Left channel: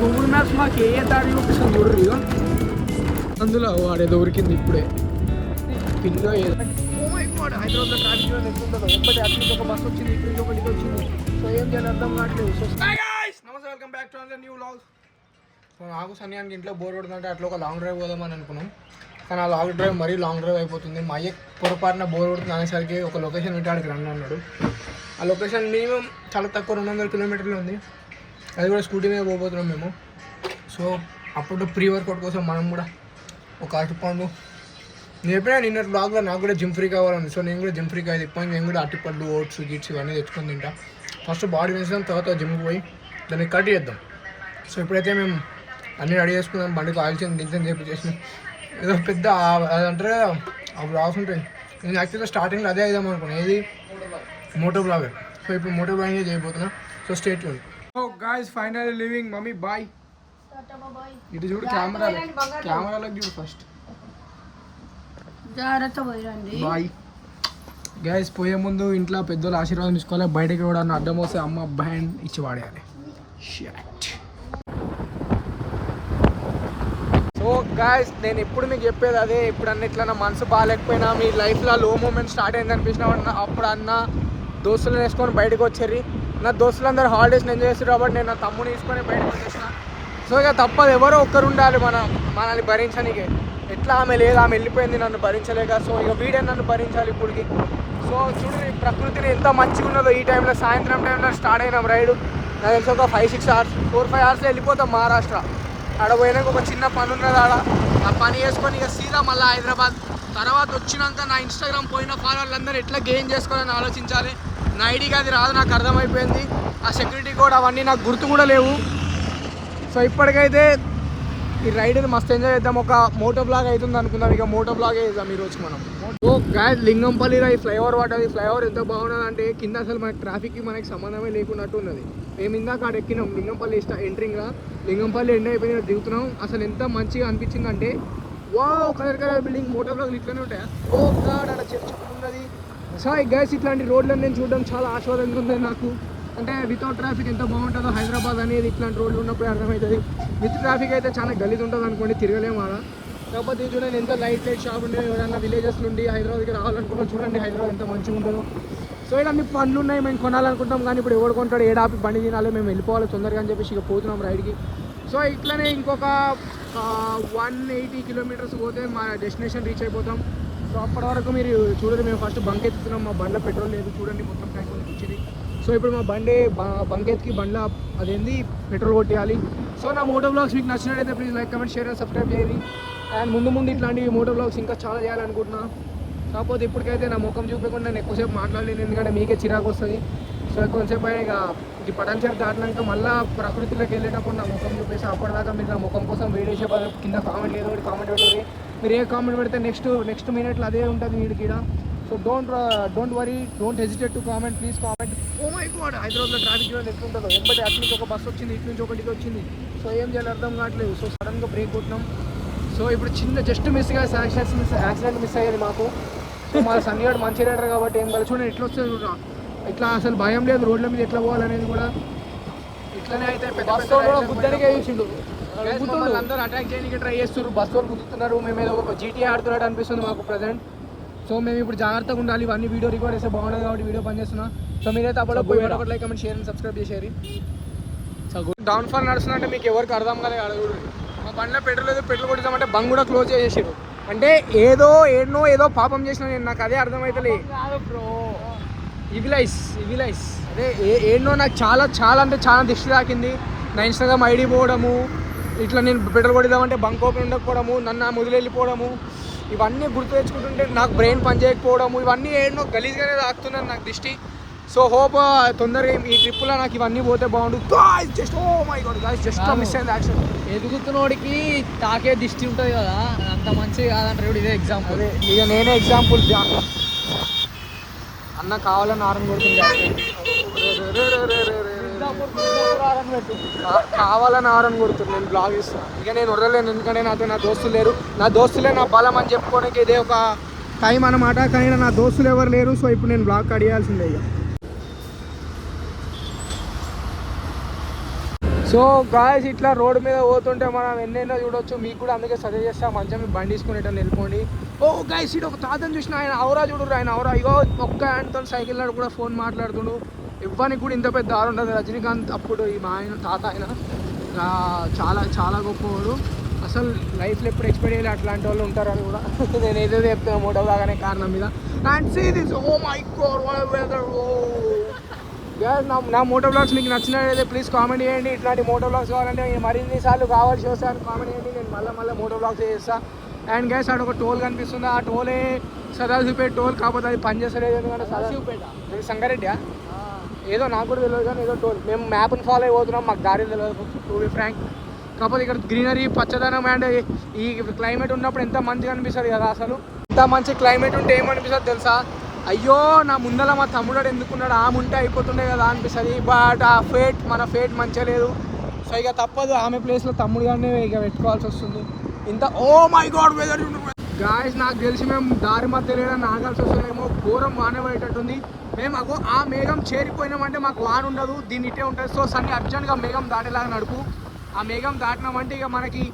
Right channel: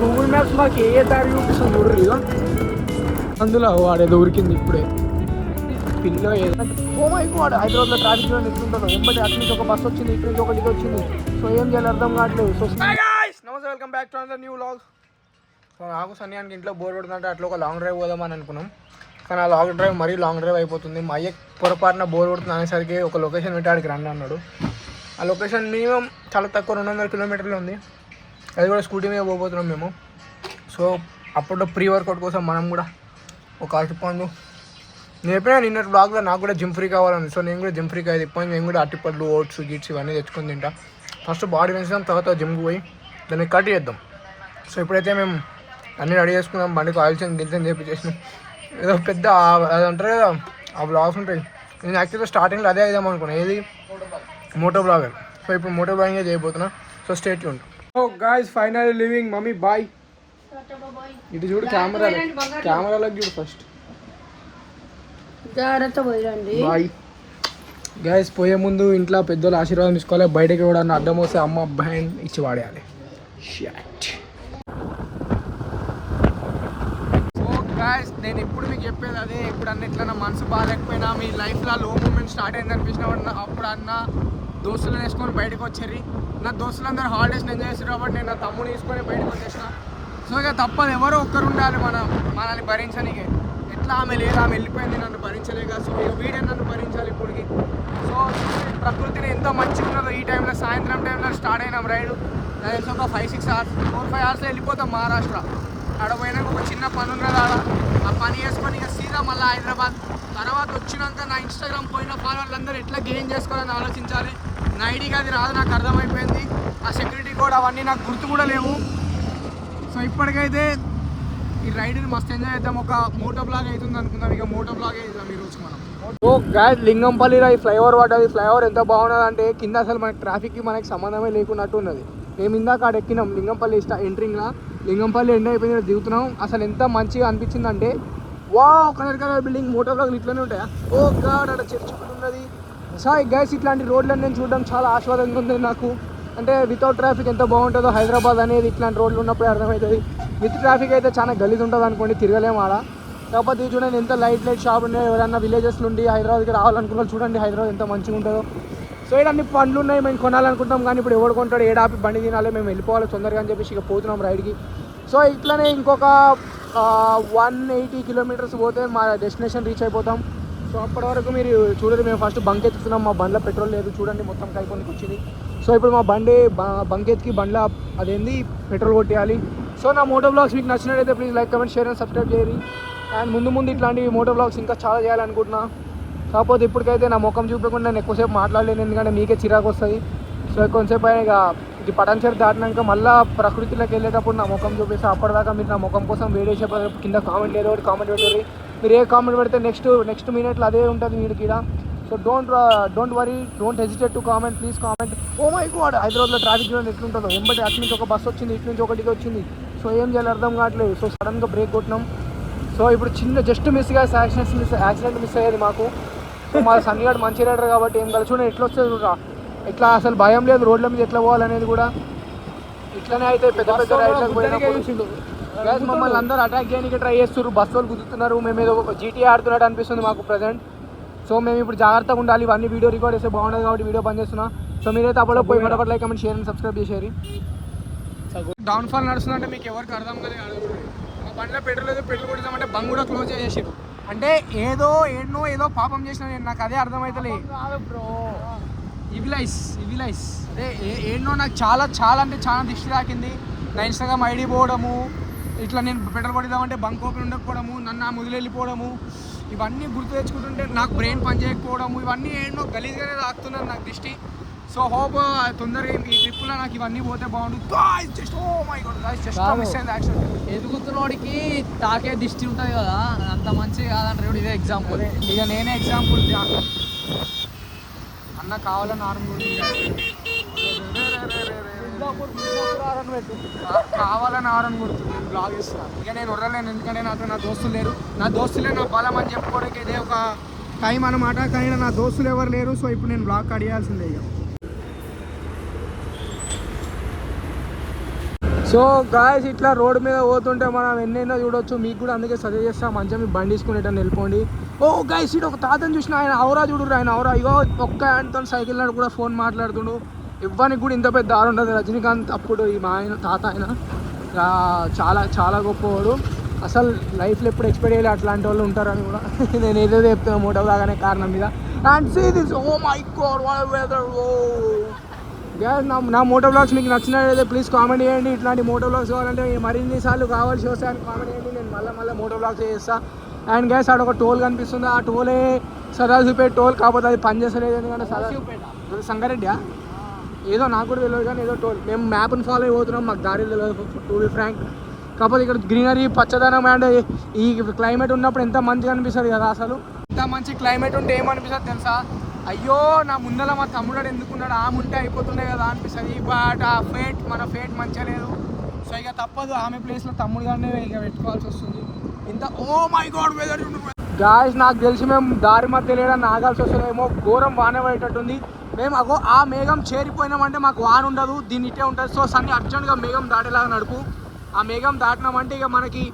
Google maps మాకు ఏ దారి చూపిస్తుంది చూడరు అందులో వాడేదో ఉరికింది ఇప్పుడే పిల్ల వాడు హైదరాబాద్లో ట్రాఫిక్లో నిల్చుంటారు ఒక బస్ వచ్చింది ఇక్కడ నుంచి ఒకటి వచ్చింది సో ఏం చేయాలి అర్థం కావట్లేదు. సో నమస్తే, welcome back to another new vlog. So నాకు సన్యానికి ఇంట్లో బోర్ కొడుతుందంటే అట్లా ఒక లాంగ్ డ్రైవ్ పోదామని అనుకున్నాం. కానీ ఆ లాంగ్ డ్రైవ్ మరీ లాంగ్ డ్రైవ్ అయిపోతుంది. మా అయ్య పొరపాటున బోర్ కొడుతుంది అనేసరికి ఒక లొకేషన్ పెట్టాడికి రండి అన్నాడు. ఆ లొకేషన్ మినిమం చాలా తక్కువ 200 కిలోమీటర్లు ఉంది. అది కూడా స్కూటీ మీద పోతున్నాం మేము. సో అప్పుడు ప్రీ వర్కౌట్ కోసం మనం కూడా ఒక అరటిపండు, నేను ఎప్పుడైనా నిన్న బ్లాగ్లో నాకు కూడా జిమ్ ఫ్రీ కావాలని, సో నేను కూడా జిమ్ ఫ్రీకి అయితే ఇప్పటి నేను కూడా అరటిపళ్ళు, ఓట్స్, గిట్స్ ఇవన్నీ తెచ్చుకొని తింటా. ఫస్ట్ బాడీ పెంచుదాం, తర్వాత జిమ్కి పోయి దాన్ని కట్ చేద్దాం. సో ఇప్పుడైతే మేము అన్నీ రెడీ చేసుకుందాం. బండికి ఆయిల్ చేసి గిల్చని చేపించేసి ఏదో పెద్ద అదంటారు కదా ఆ బ్లాగ్స్ ఉంటాయి. నేను యాక్చువల్గా స్టార్టింగ్లో అదే అయిదాం అనుకున్నాను, ఏది మోటో బ్లాగర్. సో ఇప్పుడు మోటో బ్లాగింగే చేయబోతున్నా. So stay tuned. So guys finally living. Mummy bye. ఇటు చూడు కెమెరాలకు చూడు ఫస్ట్. Bye guys. పోయే ముందు ఇంట్లో పెద్దోళ్ళు ఆశీర్వాదం తీసుకోవాలి. బయటకి కూడా అడ్డం వస్తే అమ్మ బ్యాండ్ ఇచ్చి వాడేయాలి. సో గైస్ నేను ఇప్పుడు మీకు చెప్పేది అదే. ఇప్పుడు అన్నిట్లా నా మనసు బాగాలేకపోయినా, మీ లైఫ్లో లో మూమెంట్ స్టార్ట్ అయింది అనిపించిన అప్పుడు అన్న దోస్తులను వేసుకొని బయటకు వచ్చారు. నా దోస్తులందరూ హాలిడేస్ని ఎంజాయ్ చేస్తారు కాబట్టి నేను నా తమ్ముని తీసుకొని బయటకు వచ్చేసిన. సో ఇక తప్పదు, ఎవరో ఒక్కరు ఉండాలి మనల్ని భరించడానికి. ఎట్లా ఆమె లేదు, ఆమె వెళ్ళిపోయింది నన్ను భరించలేక. సో ఇక వీడే నన్ను భరించాలి ఇప్పటికి. సో చూసి ప్రకృతిని ఎంత మంచిగా ఉన్నదో ఈ టైంలో, సాయంత్రం టైంలో స్టార్ట్ అయినాం రైడ్. నాకు తెలిసి ఒక 4-5 అవర్స్లో వెళ్ళిపోతాం మహారాష్ట్ర. ఆడ పోయినాక ఒక చిన్న పని ఉన్నది, ఆ పని చేసుకొని ఇక సీదా మళ్ళీ హైదరాబాద్. తర్వాత వచ్చినాక నా ఇన్స్టాగ్రామ్ పోయిన ఫాలోవర్లందరూ ఎట్లా గెయిన్ చేసుకోవాలని ఆలోచించాలి. నా ఐడికి అది రాదు, నాకు అర్థమైపోయింది. ఆ సెక్యూరిటీ కోడ్ అవన్నీ నాకు గుర్తు కూడా లేవు. సో ఇప్పటికైతే ఈ రైడ్ని మస్తు ఎంజాయ్ చేద్దాం. ఒక మోటో బ్లాగ్ అవుతుంది అనుకుందాం. ఇక మోటో బ్లాగే చేద్దాం ఈరోజు మనం. ఓ గాయస్, లింగంపల్లిలో ఈ ఫ్లైఓవర్ పడ్డది. ఫ్లైఓవర్ ఎంత బాగున్నది అంటే కింద అసలు మనకి ట్రాఫిక్కి మనకి సంబంధమే లేకున్నట్టు ఉన్నది. మేము ఇందాక అక్కడ ఎక్కినాం లింగంపల్లి ఎంట్రింగ్లో. లింగంపల్లి ఎండ్ అయిపోయిన దిగుతున్నాం. అసలు ఎంత మంచిగా అనిపించిందంటే వా కలర్ బిల్డింగ్. మోటో బ్లాగ్లు ఇట్లానే ఉంటాయా? ఓ గాడ్, అక్కడ ఉన్నది. సో గైస్ ఇట్లాంటి రోడ్లను నేను చూడడం చాలా ఆస్వాదంగా ఉంది నాకు. అంటే వితౌట్ ట్రాఫిక్ ఎంత బాగుంటుందో హైదరాబాద్ అనేది ఇట్లాంటి రోడ్లు ఉన్నప్పుడే అర్థమవుతుంది. విత్ ట్రాఫిక్ అయితే చాలా గలీజ్ ఉంటుంది అనుకోండి, తిరగలేము ఆడ. కాకపోతే చూడండి ఎంత లైట్ షాప్ ఉన్నాయి. ఎవరైనా విలేజెస్ నుండి హైదరాబాద్కి రావాలనుకున్నాను, చూడండి హైదరాబాద్ ఎంత మంచిగా ఉంటుందో. సో ఇక్కడ అన్ని పనులు ఉన్నాయి, మేము కొనాలనుకుంటాం. కానీ ఇప్పుడు ఎవడు కొంటాడు, ఏడాపి బండి తినాలి, మేము వెళ్ళిపోవాలి తొందరగా అని చెప్పేసి ఇక పోతున్నాం రైడ్కి. సో ఇట్లనే ఇంకొక 180 కిలోమీటర్స్ పోతే మా డెస్టినేషన్ రీచ్ అయిపోతాం. సో అప్పటి వరకు మీరు చూడండి, మేము ఫస్ట్ బంక్ ఎత్తుతున్నాం. మా బండ్లో పెట్రోల్ లేదు, చూడండి మొత్తం కైపోనికి వచ్చింది. సో ఇప్పుడు మా బంక్ ఎత్తుకి బండ్ల అదేంది పెట్రోల్ కొట్టేయాలి. సో నా మోటో బ్లాగ్స్ మీకు నచ్చినట్టయితే please like, comment, share and subscribe చేయండి. అండ్ ముందు ఇట్లాంటి మోటో బ్లాగ్స్ ఇంకా చాలా చేయాలనుకుంటున్నా. కాకపోతే ఇప్పటికైతే నా ముఖం చూపకుండా నేను ఎక్కువసేపు మాట్లాడలేను, ఎందుకంటే మీకే చిరాకు వస్తుంది. సో కొంతసేపు అయినా ఇక ఇది పటాన్చేరు దాటినాక మళ్ళీ ప్రకృతిలోకి వెళ్ళేటప్పుడు నా ముఖం చూపేసి అప్పటిదాకా మీరు నా ముఖం కోసం వెయిట్ చేసే బదులు కింద కామెంట్ ఏదో ఒకటి కామెంట్ పెట్టండి. మీరు ఏ కామెంట్ పెడితే నెక్స్ట్ మినిట్లో అదే ఉంటుంది వీడికి ఇక్కడ. So don't worry, don't hesitate to comment, please comment. Oh my god, హైదరాబాద్లో ట్రాఫిక్ జోన్ ఎట్లుంటుందో. వెంబడి అటు నుంచి ఒక బస్ వచ్చింది, ఇటు నుంచి ఒకటి వచ్చింది. సో ఏం చేయాలి అర్థం కావట్లేదు. సో సడన్గా బ్రేక్ కొట్టినాం. సో ఇప్పుడు జస్ట్ మిస్గా యాక్సిడెంట్ మిస్ అయ్యేది మాకు. సో మా సన్నిగాడు మంచి రైడర్ కాబట్టి ఏం కలిసి చూడండి ఎట్లా వస్తుంది చూడరా. ఇట్లా అసలు భయం లేదు, రోడ్ల మీద ఎట్లా పోవాలనేది కూడా. ఇట్లనే అయితే పెద్ద రైడ్లకు మమ్మల్ని అందరూ అటాక్ చేయడానికి ట్రై చేస్తున్నారు, బస్సులు గుర్తున్నారు. మేము ఏదో ఒక జీటీ ఆడుతున్నట్టు అనిపిస్తుంది మాకు ప్రజెంట్. సో మేము ఇప్పుడు జాగ్రత్తగా ఉండాలి. ఇవన్నీ వీడియో రికార్డ్ చేస్తే బాగుంటుంది కాబట్టి వీడియో పని చేస్తున్నా. సో మీరైతే అప్పుడు పోయి ఫటాఫట్ like, comment, share and subscribe చేసేది. డౌన్ఫాల్ నడుస్తుందంటే మీకు ఎవరికి అర్థం కాలేదు. మా బండ్లో పెట్రోల్ లేదు, పెట్రోల్ కొట్టిద్దామంటే బంక్ కూడా క్లోజ్ చేసేసారు. అంటే ఏదో పాపం చేసిన నేను, నాకు అదే అర్థమవుతలే. ఇవిలైస్ అదే ఏడో నాకు చాలా అంటే చాలా దిష్టి తాకింది. నా ఇన్స్టాగ్రామ్ ఐడి పోవడము, ఇట్లా నేను పెట్రోల్ కొట్టిద్దామంటే బంక్ ఓపెన్ ఉండకపోవడము, నన్ను ముదిలి వెళ్ళిపోవడము, ఇవన్నీ గుర్తు తెచ్చుకుంటుంటే నాకు బ్రెయిన్ పని చేయకపోవడము, ఇవన్నీ ఏడో గలీజ్గానే తాకుతున్నాను నాకు దిష్టి. సో హోప్ తొందరగా ఈ ట్రిప్లో నాకు ఇవన్నీ పోతే బాగుండు. Just oh my god guys, just miss అయింది యాక్షన్. ఎదుగుతున్నోడికి తాకే దిష్టి ఉంటుంది కదా, అంత మంచిగా కాదంటారు. ఇదే ఎగ్జాంపుల్, ఇక నేనే ఎగ్జాంపుల్. అన్న కావాలని ఆరం కొడుతుంది, కావాలని ఆరం కొడుతుంది. నేను బ్లాగ్ ఇస్తున్నాను, ఇక నేను వదలలేను. ఎందుకంటే నా దోస్తులు లేరు. నా దోస్తులే నా బలం అని చెప్పుకోవడానికి ఇదే ఒక టైం అన్నమాట. కానీ నా దోస్తులు ఎవరు లేరు. సో ఇప్పుడు నేను బ్లాగ్ కడియాల్సిందే. ఇక సో గాయస్ ఇట్లా రోడ్ మీద పోతుంటే మనం ఎన్నెన్నో చూడొచ్చు. మీకు కూడా అందుకే సజెస్ట్ చేస్తా, మంచిగా మీ బండి తీసుకునేటని వెళ్ళిపోండి. ఓ గాయస్ ఇటు ఒక తాతను చూసిన, ఆయన అవరా చూడరు, ఆయన అవరా ఇగో ఒక్క హ్యాండ్తో సైకిల్ నాడు కూడా ఫోన్ మాట్లాడుతుండు. ఇవ్వనికి కూడా ఇంత పెద్ద దారి ఉంటుంది. రజనీకాంత్ అప్పుడు ఈ మా ఆయన తాత ఆయన చాలా చాలా గొప్పవాడు. అసలు లైఫ్లో ఎప్పుడు ఎక్స్పెక్ట్ చేయలేదు అట్లాంటి వాళ్ళు ఉంటారని కూడా. నేను ఏదో చెప్తాను మోటో బాగానే కారణం మీద. And see this, oh my god నా మోటో బ్లాగ్స్ మీకు నచ్చినట్లయితే ప్లీజ్ కామెంట్ చేయండి. ఇట్లాంటి మోటో బ్లాగ్స్ కావాలంటే మరిన్ని సార్లు కావాల్సి వస్తే అని కామెంట్ చేయండి. నేను మళ్ళీ మోటో బ్లాగ్స్ చేస్తాను. అండ్ గ్యాస్ ఆడ ఒక టోల్ కనిపిస్తుంది, ఆ టోలే సదాశివపేట టోల్, కాకపోతే అది పని చేస్తలేదు. సదాశివపేట సంగారెడ్డి ఏదో నాకు కూడా తెలియదు కానీ ఏదో టోల్. మేము మ్యాప్ని ఫాలో అయిపోతున్నాం, మాకు దారి తెలియదు టు బి ఫ్రాంక్. కాకపోతే ఇక్కడ గ్రీనరీ, పచ్చదనం అండ్ ఈ క్లైమేట్ ఉన్నప్పుడు ఎంత మంచిగా అనిపిస్తుంది కదా. అసలు ఇంత మంచి క్లైమేట్ ఉంటే ఏమనిపిస్తుంది తెలుసా, అయ్యో నా ముందర మా తమ్ముడు ఎందుకున్నాడు, ఆమె ఉంటే అయిపోతుండే కదా అనిపిస్తుంది. బట్ ఆ ఫేట్, మన ఫేట్ మంచిగా లేదు. సో ఇక తప్పదు, ఆమె ప్లేస్లో తమ్ముడు కానీ ఇక పెట్టుకోవాల్సి వస్తుంది. ఇంత oh my god weather guys, నాకు తెలిసి మేము దారి మధ్య లేదని నాగాల్సి వస్తుందేమో. ఘోరం వాన పడేటట్టుంది. మేము అగో ఆ మేఘం చేరిపోయినామంటే మాకు వాన ఉండదు, దీన్ని ఇట్టే ఉంటుంది. సో సన్ని అర్జెంట్గా మేఘం దాటేలాగా నడుపు. ఆ మేఘం దాటినామంటే ఇక మనకి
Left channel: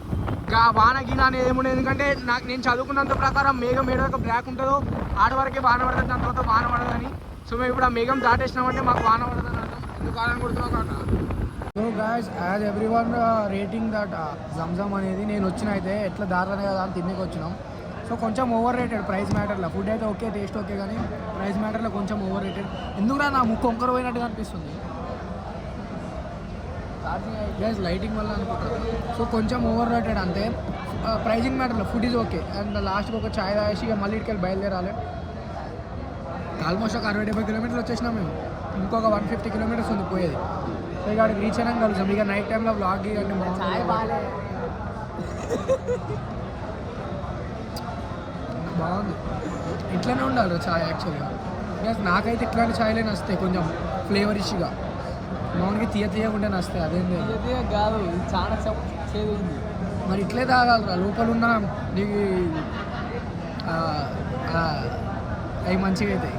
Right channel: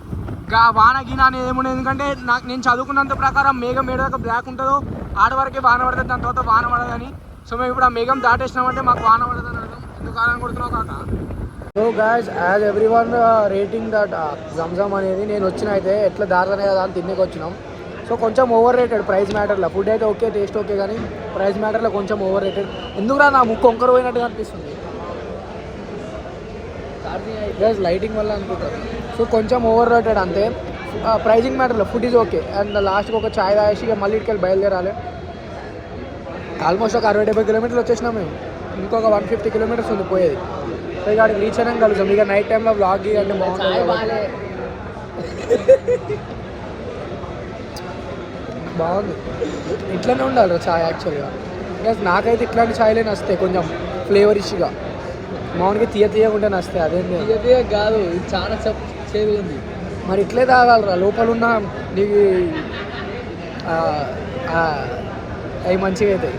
వాన గీన అనేది ఏముండదు. ఎందుకంటే నేను చదువుకున్నంత ప్రకారం మేఘం ఏడాక బ్లాక్ ఉంటుందో ఆడ వరకే వాన పడుతుంది, దాని తర్వాత వాన పడదని. సో మేము ఇప్పుడు ఆ మేఘం దాటేసినామంటే మాకు వాన పడుతుంది. ఎందుకు కాదని కొడుతున్నావు కాక. So guys, as every one rating that Zamzam అనేది నేను వచ్చిన అయితే ఎట్లా దారుదనే కదా అని తినేకి వచ్చినాం. సో కొంచెం ఓవర్ రేటెడ్ ప్రైస్ మ్యాటర్లో. ఫుడ్ అయితే ఓకే, టేస్ట్ ఓకే, కానీ ప్రైస్ మ్యాటర్లో కొంచెం ఓవర్ రేటెడ్. ఎందుకురా నా ముక్కు వంకర పోయినట్టుగా అనిపిస్తుంది గైస్, లైటింగ్ వల్ల అనుకుంటారు. సో కొంచెం ఓవర్ రేటెడ్ అంతే. ప్రైజింగ్ మ్యాటర్లో ఫుడ్ ఈజ్ ఓకే. అండ్ లాస్ట్కి ఒక ఛాయ్ తాగేసి ఇక మళ్ళీ ఇటుకెళ్ళి బయలుదేరాలి. ఆల్మోస్ట్ ఒక 60-70 కిలోమీటర్లు వచ్చేసినాం మేము. ఇంకొక 150 కిలోమీటర్స్ ఉంది పోయేది. సో ఇక అక్కడికి రీచ్ అయినా కలుసాం. ఇక నైట్ టైంలో వ్లాగ్ అంటే బాగుంటుంది. బాగుంది, ఇట్లనే ఉండాలి ఛాయ్ యాక్చువల్గా. నాకైతే ఇట్లాంటి ఛాయ్లే నస్తాయి, కొంచెం ఫ్లేవర్ ఇష్గా. మామూలుగా తీయగా ఉంటే నస్తాయి. అదేం కాదు, చాలా చేదు. మరి ఇట్లే తాగాలరా, లోపల ఉన్న నీకు అవి మంచిగా అవుతాయి.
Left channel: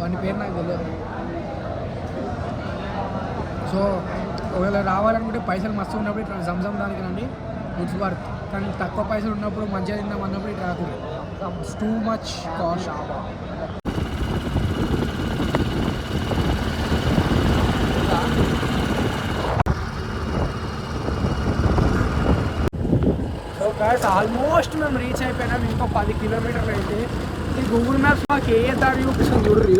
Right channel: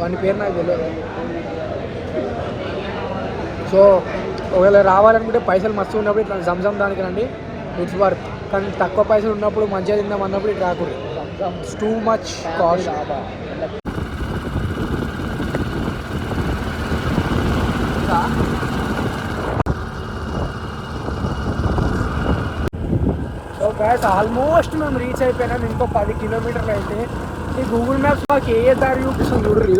వాని పేరు నాకు తెలియదు. సో ఒకవేళ రావాలనుకుంటే పైసలు మస్తు ఉన్నప్పుడు ఇట్లా జమ్జమ్ దానికి రండి, ఇట్స్ వర్త్. కానీ తక్కువ పైసలు ఉన్నప్పుడు మంచిగా తిందాం అన్నప్పుడు ఇటు రాకూడదు, it's too much cost. Almost మేము రీచ్ అయిపోయినాం. ఇంకో 10 కిలోమీటర్లు అయితే ఈ గూగుల్ మ్యాప్స్ మాకు ఏ దారి చూపిస్తుంది చూడరు.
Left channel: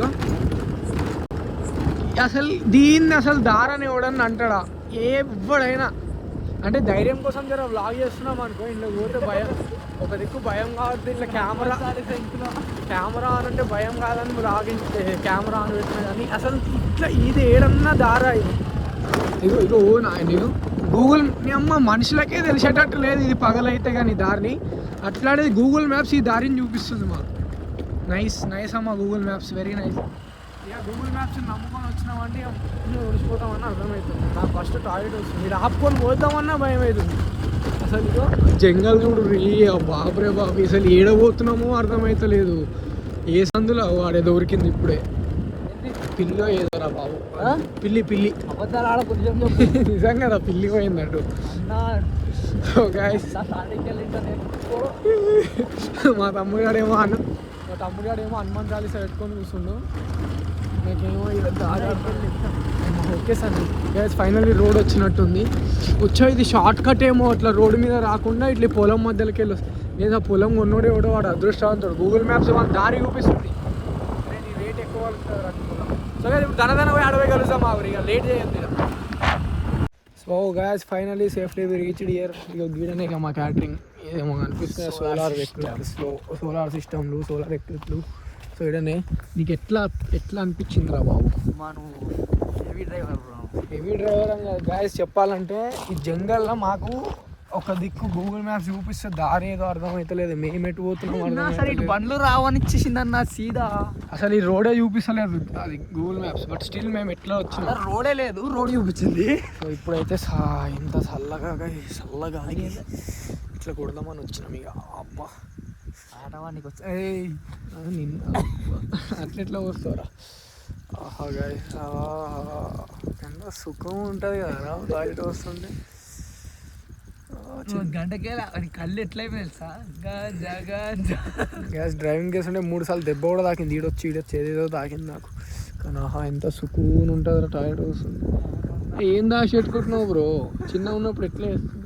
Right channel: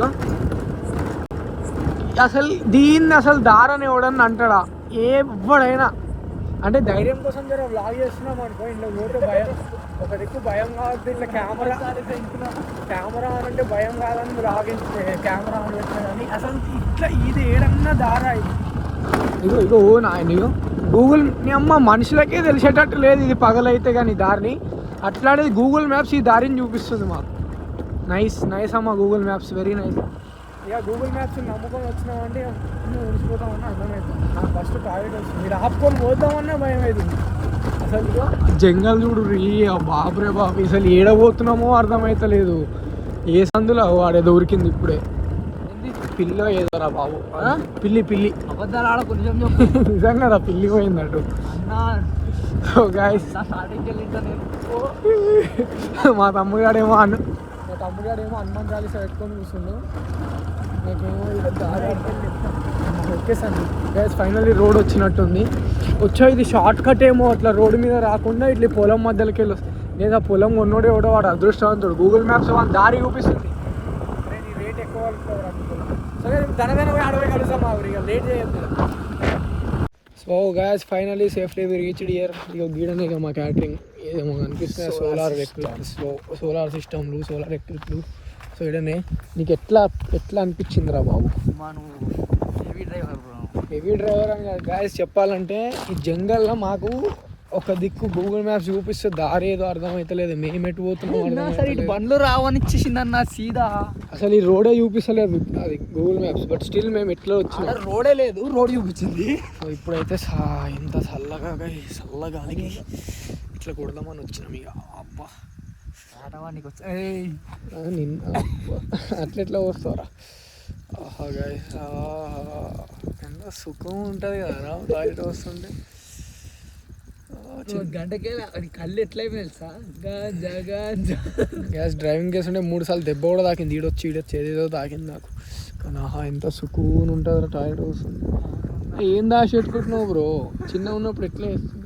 ఇక అసలు దీన్ని అసలు దారని ఎవడని అంటాడా ఎవడైనా. అంటే ధైర్యం కోసం జర వ్లాగ్ చేస్తున్నాం అనుకో, ఇంట్లో పోతే భయం, ఒక దిక్కు భయం కావద్దు. ఇట్లా కెమెరా అని అంటే భయం కాదని వ్లాగ్ కెమెరా ఆన్ పెట్టినా కానీ అసలు ఇట్లా ఇది ఏడన్నా దారా ఇది. ఇగో నాయన గూగుల్ మీ అమ్మ మనుషులకే తెలిసేటట్టు లేదు ఇది పగలైతే కానీ దారిని. అట్లాంటిది గూగుల్ మ్యాప్స్ ఈ దారిని చూపిస్తుంది మాకు. నైస్ నైస్ అమ్మ గూగుల్ మ్యాప్స్, వెరీ నైస్. ఇక గూగుల్ మ్యాప్స్ నమ్ముకొని వచ్చినామంటే మునిసిపోతామన్నా అర్థమవుతుంది. నాకు ఫస్ట్ టాయిలెట్ వస్తుంది, మీరు ఆపుకొని పోతామన్నా భయం అవుతుంది. అసలు జంగల్ చూడు రీ బాబురే బాబు, అసలు ఏడబోతున్నామో అర్థమవుతలేదు. ఏ సందులో వాడే దొరికింది ఇప్పుడే పిల్ల ఏదోరా బాబు, పిల్లి నిజంగా కదా పిల్లి పోయిందట. మా తమ్ముగాడేమో హనుమాన్ చాలీసా పెట్టుకొని కూర్చుండు. నాకేమో okay sir gas finally road వచ్చినట్టుంది. ఇది షార్ట్ కట్ ఏమో, అట్లా రోడ్డు మీద రాకుండా ఇట్లా పొలం మధ్యలోకి వెళ్ళి వస్తుంది. లేదా పొలం కొన్నోడే ఎవడో వాడు అదృష్టవంతుడు. గూగుల్ మ్యాప్స్ వాళ్ళ దారి చూపిస్తుంది. రేట్ ఎక్కువ సో ధనధన పోయి అడవి కలుస్తాం ఇక లేట్ చేయొద్దు. So guys finally safely we reached here. ఇక గీడని ఇక మా క్యాటరింగ్ ఏదేమో కనిపిస్తుంది, సోలార్ వెహికల్స్లో సోలార్ సిస్టమ్లు, సోలార్ ఎలక్ట్రిక్లు. సో ఇడనే నీకు ఎట్లా అనిపించిందిరా బాబు? మనం హెవీ డ్రైవర్ అని కాదు గాయస్, చెప్పాలంటే ఈ జంగల్లో మాకు ఒక దిక్కు గూగుల్ మ్యాప్స్ చూపిస్తే దారి ఏదో అర్థమవుతలేదు, మేము ఎటు పోతున్నాం బండ్లు రావనిచ్చేసిందన్న సీదా. అసలు ఈ రోడే చూపిస్తలేదు అది గూగుల్ మ్యాప్స్, బట్ స్టిల్ మేము ఇట్లా వచ్చినాం. రోడే లేదు, రోడ్ చూపించింది. సో ఇప్పుడైతే ఎంత చల్లగాలికి ఇట్లా కొడదామని వచ్చినాం. ఇక అబ్బా ఆడవానికి అట్లా ఎట్లా వస్తారా ఆహా గాయ్స్, ఎంత సుఖం ఉంటుంది కదా టాయిలెట్ వస్తుంటే. గంటకే కళ్ళు ఎట్లయిపోయి తెలుసా గ్యాస్ డ్రైవింగ్ చేస్తుంటే 3 సార్లు దెబ్బ కూడా తాకింది. ఈడొచ్చి ఏదేదో తాకింది నాకు. కానీ ఆహా ఎంత సుకూన్ ఉంటుంది టాయిలెట్ వస్తుంది. ఏం దాచి పెట్టుకుంటున్నావు బ్రో? చిన్న ఉన్నప్పుడు ఎట్లా వేస్తుంది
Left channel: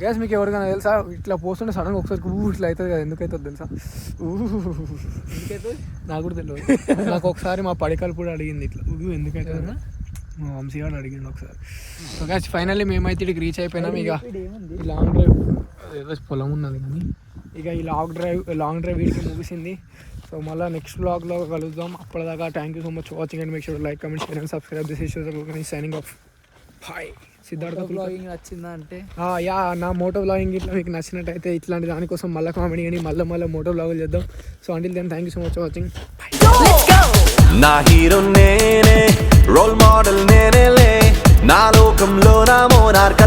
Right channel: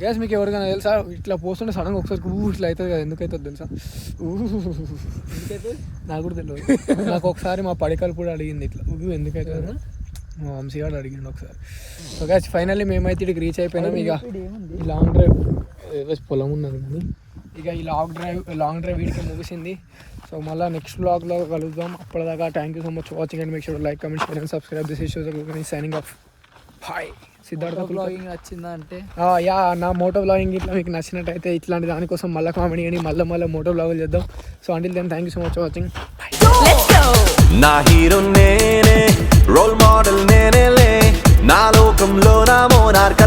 గ్యాస్. మీకు ఎవరికైనా తెలుసా ఇట్లా పోస్తుంటే సడన్గా ఒకసారి ఇట్లా అవుతుంది కదా, ఎందుకు అవుతుంది తెలుసా? నాకు కూడా తెలియదు. నాకు ఒకసారి మా పడికలు కూడా అడిగింది ఇట్లా ఎందుకైతే, మా వంశీగాడు అడిగిండు ఒకసారి. సో గ్యాస్ ఫైనల్లీ మేమైతే ఇక్కడికి రీచ్ అయిపోయినాం. ఇక ఈ లాంగ్ డ్రైవ్ ఏదో పొలం ఉన్నది కానీ ఇక ఈ లాంగ్ డ్రైవ్ వీడికి ముగిసింది. సో మళ్ళీ నెక్స్ట్ బ్లాగ్లో కలుద్దాం. అప్పటిదాకా thank you so much watching and make sure like comment share and subscribe. This is signing off. Hi Siddhartha blogging వచ్చిందా అంటే యా, నా మోటో బ్లాగింగ్ ఇట్లా మీకు నచ్చినట్టయితే ఇట్లాంటి దానికోసం మళ్ళీ కామెడీ అని మళ్ళీ మోటో బ్లాగులు చేద్దాం. So until then thank you so much watching. నా హీరో నేనే, రోల్ మోడల్ నేనేలే, నా లోకంలో నా మోనార్క్